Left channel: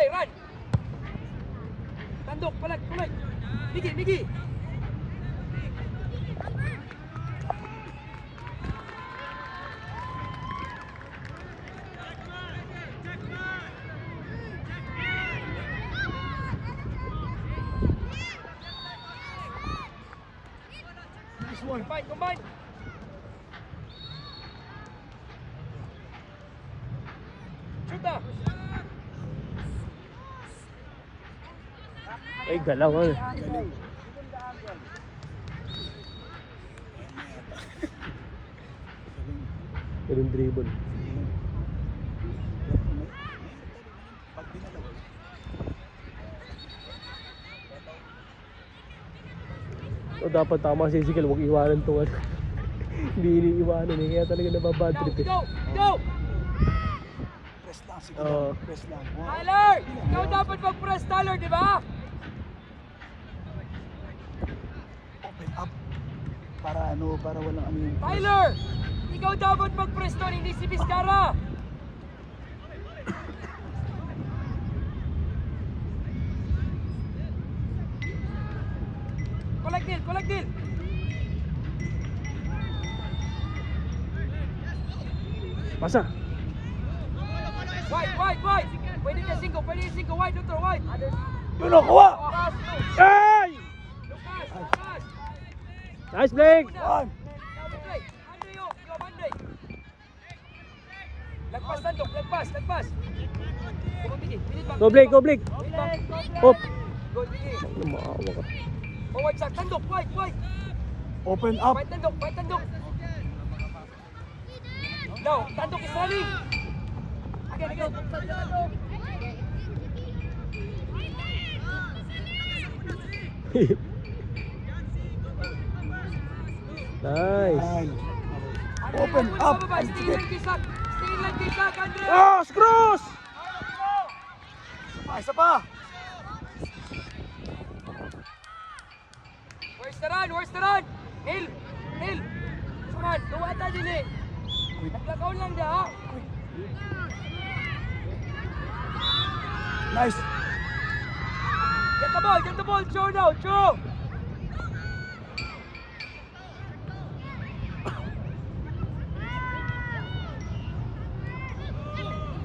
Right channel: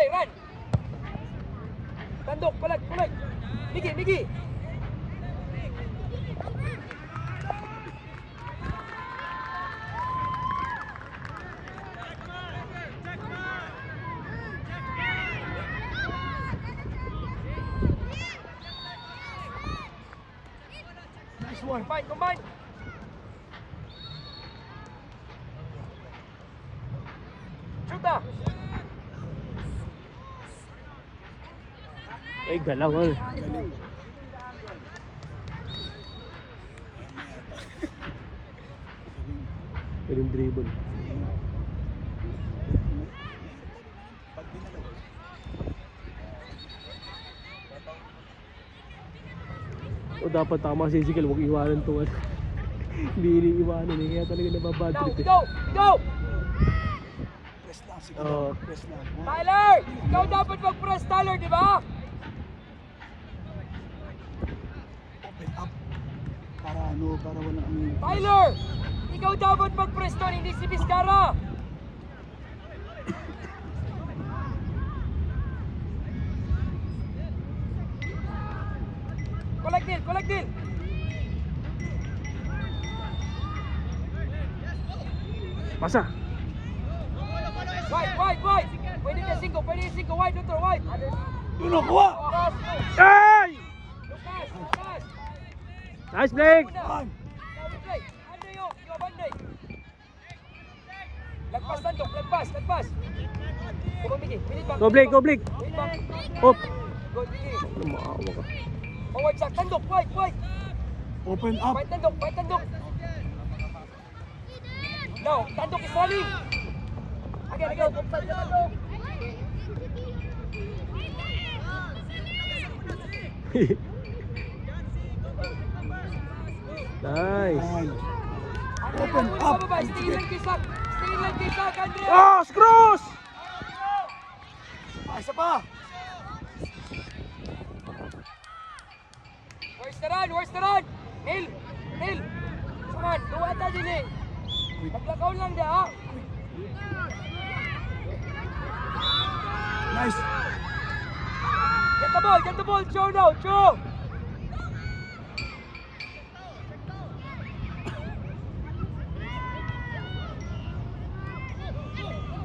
play, run. Tandok, palag. Migi. Nice one. Combine. Shoot na. Ay, galaw eh. Galing. Galing dribble. O dapat tama si Ezekiel, huwag iwanan to. Hindi iniiwanan eh, kaya talaga nababad trip eh. Go! Press lang, sige. Press lang. Tyler! Ikaw dapat mag-press, Tyler, di ba? Open up. Para walang ano yung... Tyler! Ikaw dapat mag-press doon, hindi si Vizcara! Collect deal! Masa? Wide! Pwede ka 5, wide, Dr. Wide! Yun o, kuha! Ay! Lucas! Nice Blake! One. Anday yo, Banday! Lagpas! Come on, Miggy, minute back! Go Blake! Minute back! Hop! Go, Miggy! Maawa ka. Forward sa tandok, wide! Open up. Fight tandok! Now, tandok is running! Again, tandok! Nice! Open up. Stay lang kay Sak, Andre! Cross! Isa pa. Where's the run? Neil! Suman, luwata din eh! Naglakaw lang da, ha? Nice. Get the ball, Joe now, Joe!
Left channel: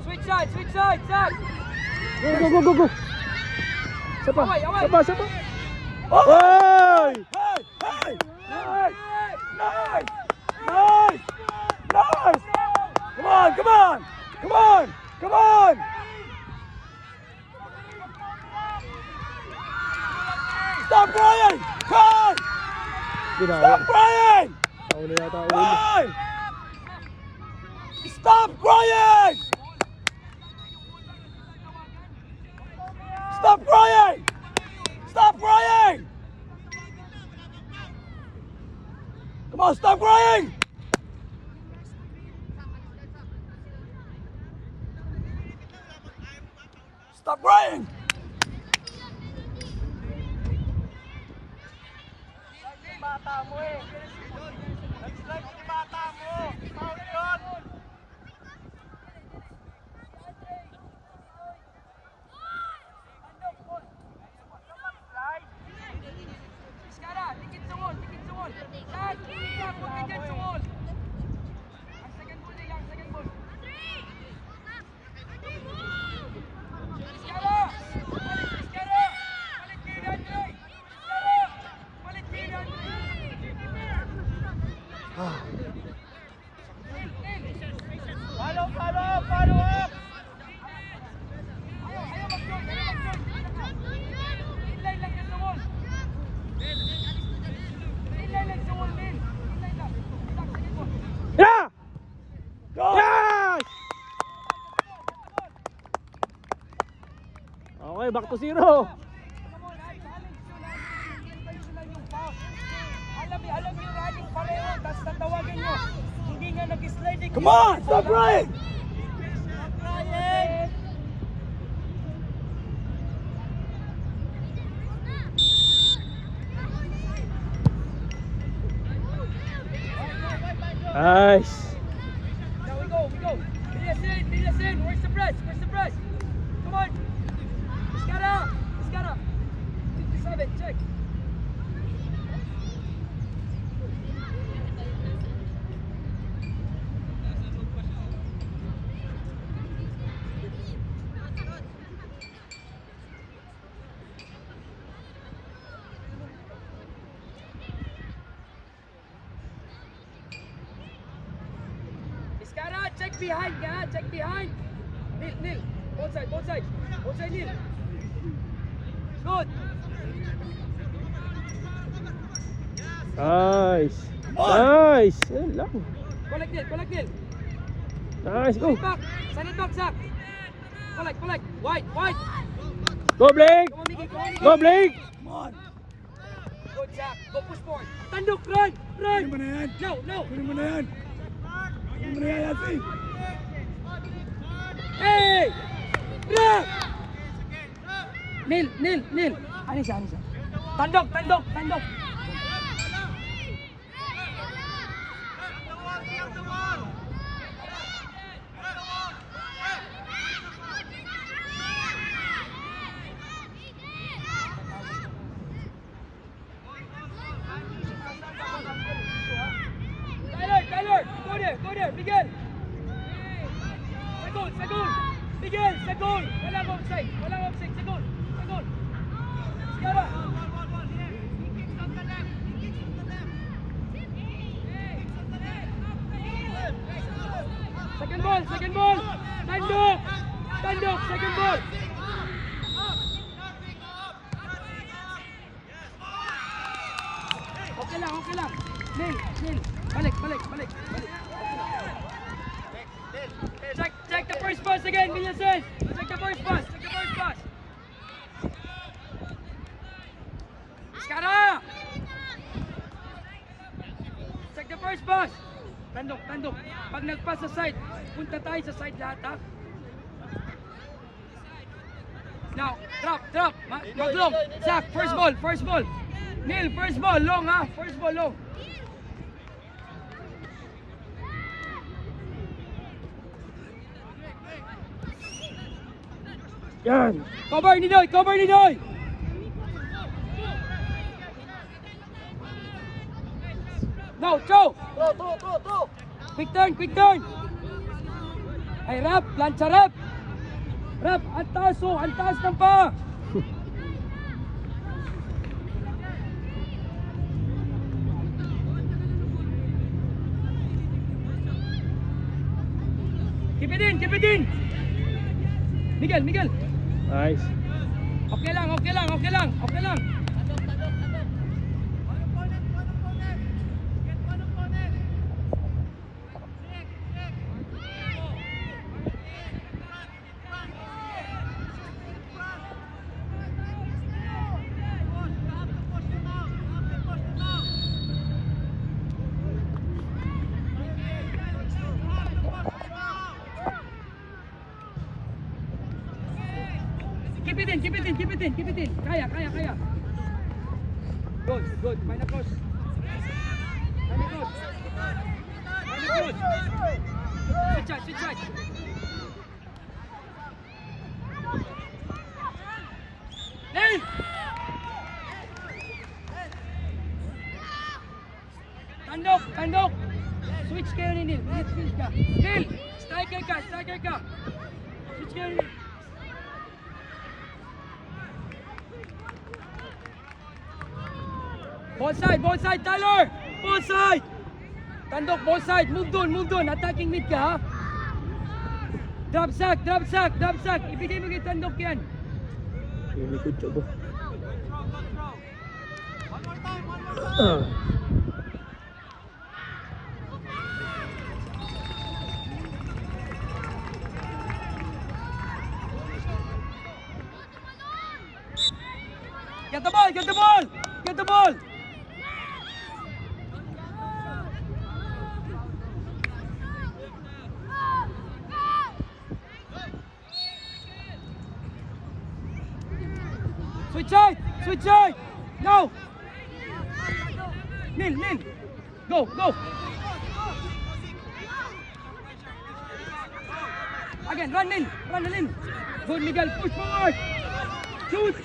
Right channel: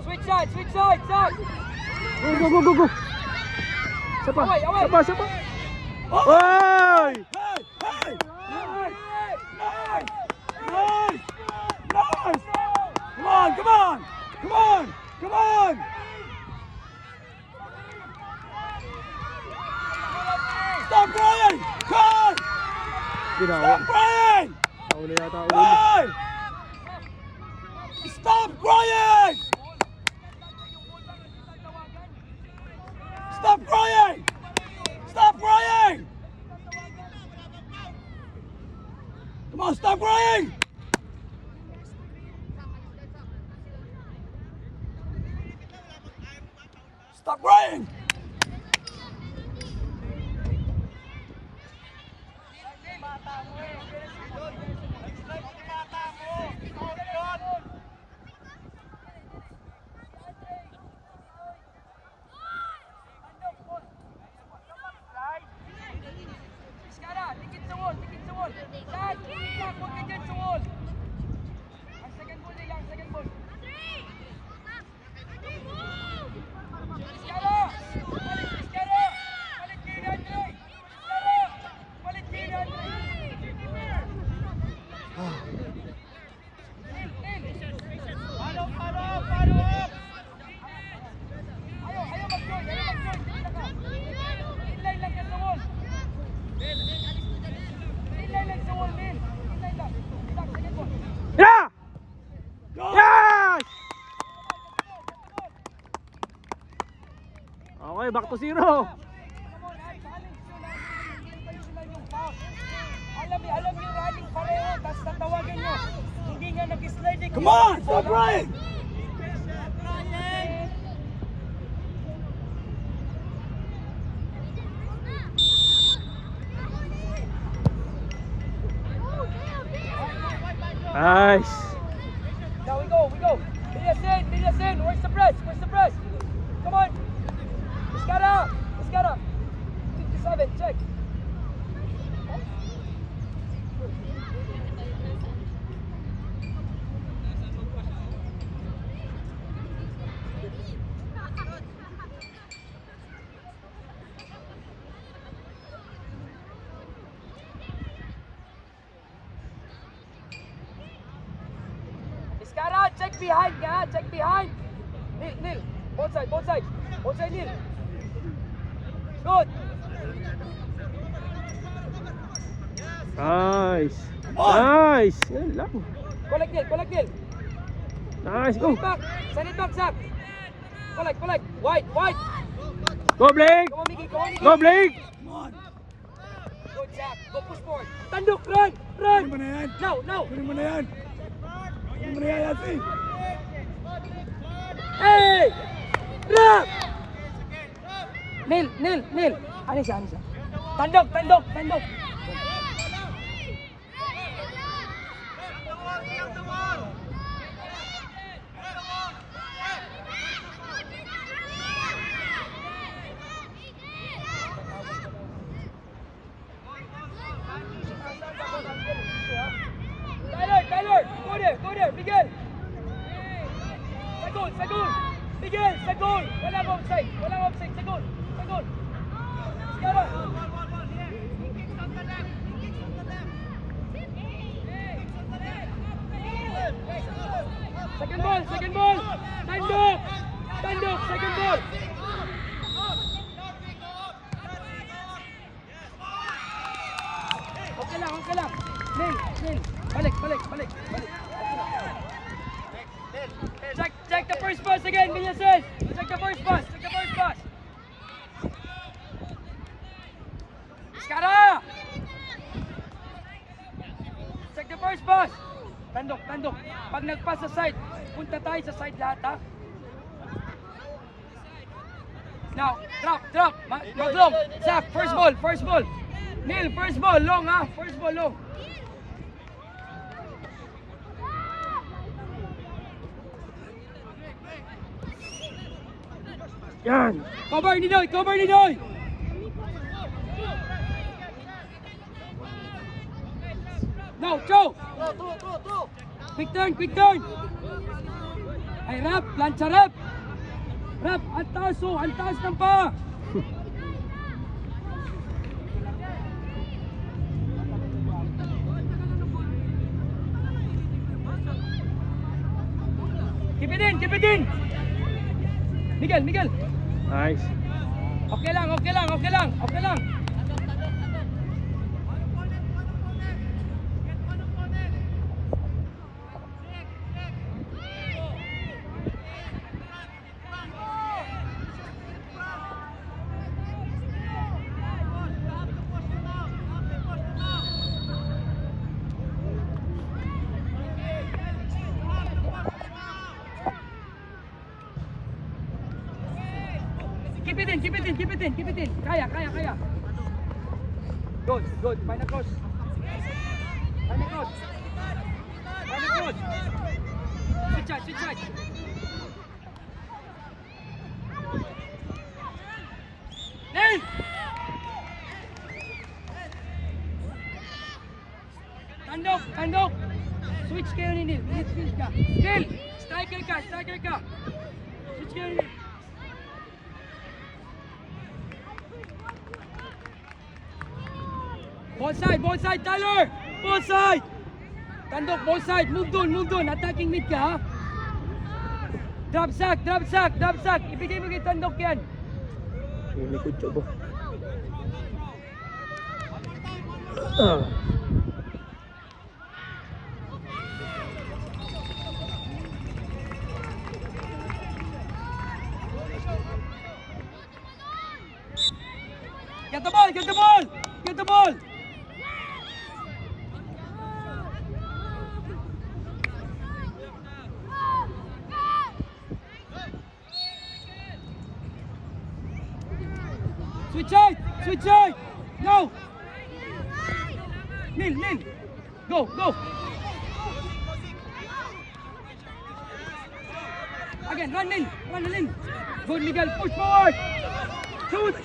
Switch side, Zach! Go! Sapa! Away! Sapa! Ay! Hey! Nice! Come on! Stop crying! Cry! Ginawa. Stop crying! Ako na yata ulo. Cry! Stop crying! Stop crying! Stop crying! Come on, stop crying! Stop crying! Tikit sa wall! Zach, huwag ka dyan sa wall! Ang second ball nila, second ball! Vizcara! Palit kayo ni Andre! Vizcara! Palit kayo ni Andre! Ayaw mag-join! Inline lang yan sa wall! Inline lang sa wall, Min! Inline lang! Zach, second ball! Yeah! Go! Yes! Okay, back to 0. Alam niyo running pareho, tapos tatawagan niyo. Hindi nga nag-slide. Come on! Stop crying! Nice. Now we go. Bilyasin. Where's the press? Come on. Escara! Escara! 57, check. Escara, check behind ka, check behind. Nil. Both side, both side. Both side, Nil. Good. Nice. Nice. Yan lang. Collect, Nil. Nice. Send Go. it back. Send it back, Zach. Collect. Wide. Go, Blake. Come on, Miggy. Go, Blake. Good, Zach. Go push forward. Tandok, run. Kunin mo na yan. No. Kunin mo na yan. Kunin mo na yan, Yasi. Hey! Drop! Nil. Ano siya? Tandok. Tyler, go there, Miguel. Sagol. Miguel, sagol. Walang offside, sagol. Escara. Second ball. Tandok, second ball. Okay lang. Nil. Balik. Check the first pass again, Villasen. Check the first pass. Escara! Check the first pass. Tandok. Pag nagpass sa side, punta tayo sa side lahat, ha? Now, drop. Long. Zach, first ball. Nil, first ball, long, ha? First ball, long. Yan. Cover ni Doy. No, throw. Quick turn. Ay, rap, plancha rap. Rap, ang taas ng pa. Keep it in. Miguel. Nice. Okay lang. Keep it in. Kaya. Good. Find a cross. Switch side. Hey! Tandok. Switch kayo ni Nil. Switch ka. Nil! Striker ka. Switch kayo ni Nil. Both side, Tyler! Both side! Tandok, both side. Move doon. Attacking mid ka, ha? Drop sack. Ibigay mo kay Tandok yan. Yung likod siya ba? Get the ball! Switch side! No! Nil! Go! Again, run Nil! Good, Miguel, push forward! Shoot!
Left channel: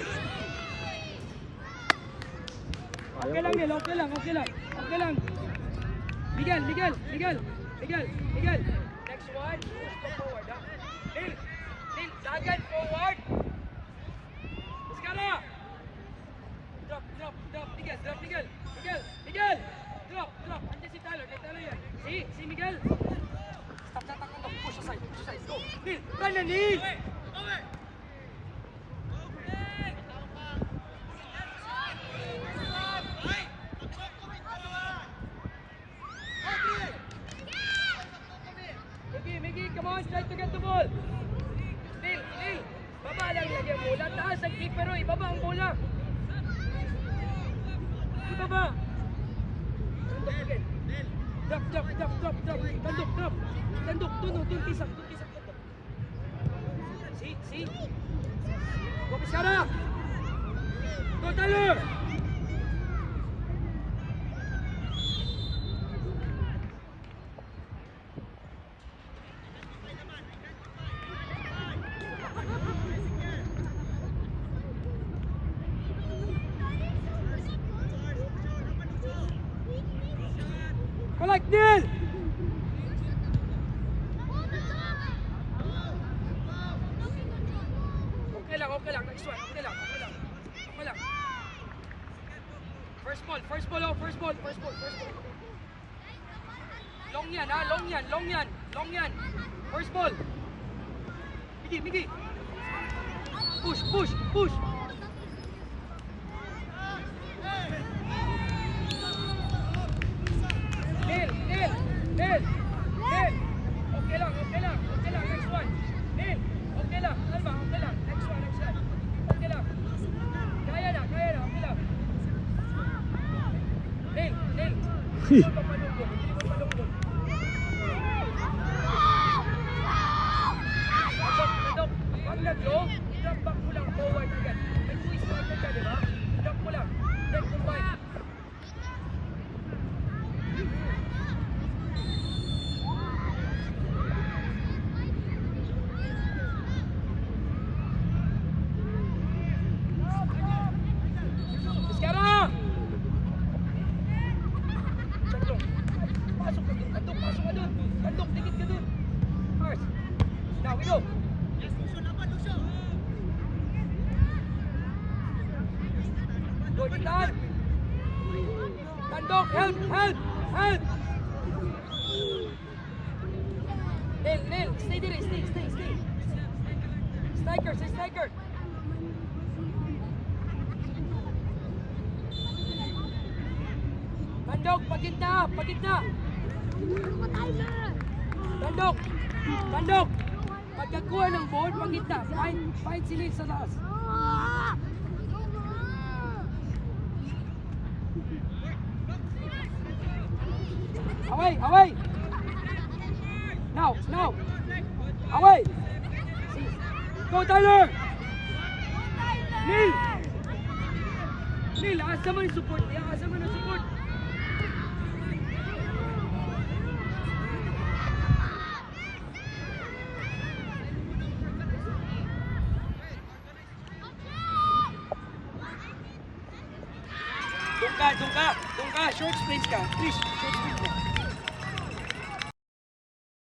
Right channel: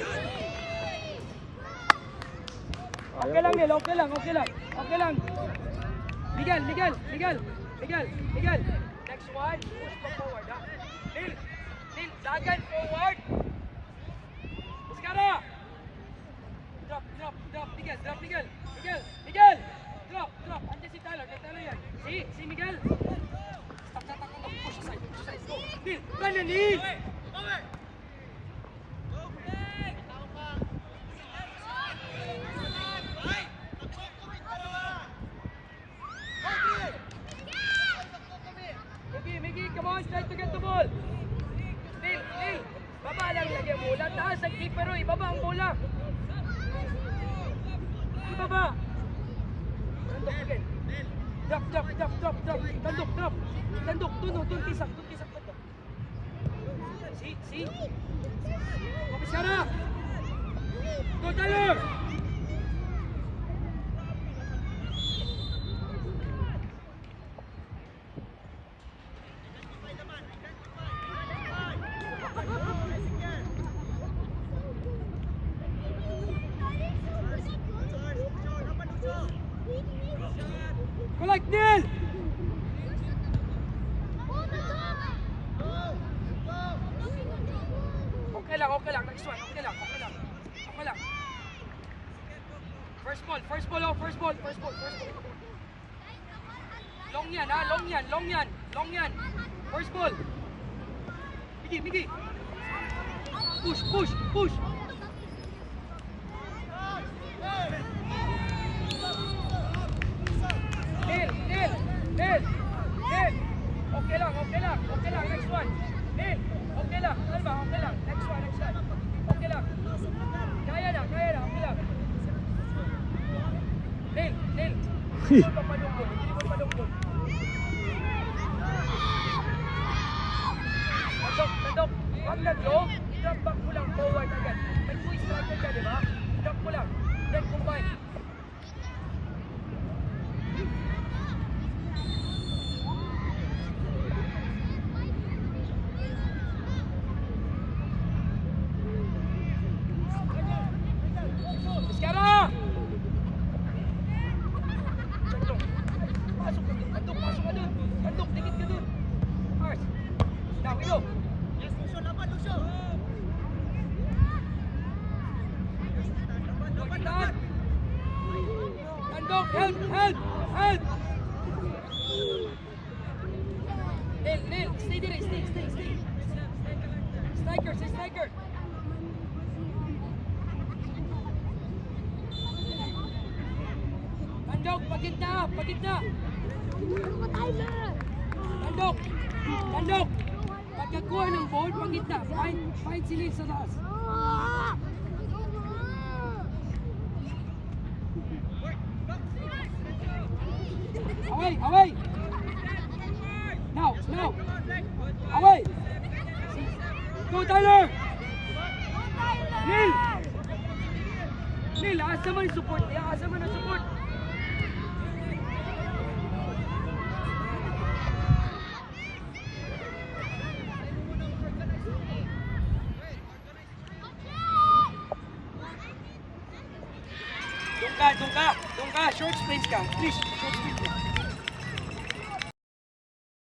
Okay lang, Neil. Okay lang. Miguel. Next one. Push pa forward, ha? Neil, dagan forward. Muscara! Drop. Miguel. Drop. Andiyan si Tyler. Yan. Si Miguel. Stop. Push aside. Neil, mana Neil? Miggy, come on, try to get the ball. Neil, baba lang lagyan mo. Taas ang keeper, oy. Baba ang bola. Baba. Tandok again. Drop. Tandok. Doon, tisak. See? Muscara. Go, Tyler. Collect, Neil! Okay lang. Next one. Okay lang. First ball. Long yan. First ball. Miggy. Push. Neil. Okay lang. Next one. Neil. Okay lang. Next one. Okay lang. Kaya na. Okay lang. Neil. Hindi mo palungkot. Tandok. Wag nag-low. Drop back mo lang forward agad. May 2 striker ka, di ba? Drop mo lang. Then combine. Help! Neil, stay there, stay. Striker. Tandok, paginta. Tandok. Pagkakuha ng ball, paginta. Find si Neil sa taas. Away! Now! Away! Go, Tyler! Neil, asa mo yung support? Doon ka! Short space ka! Please, short space ka!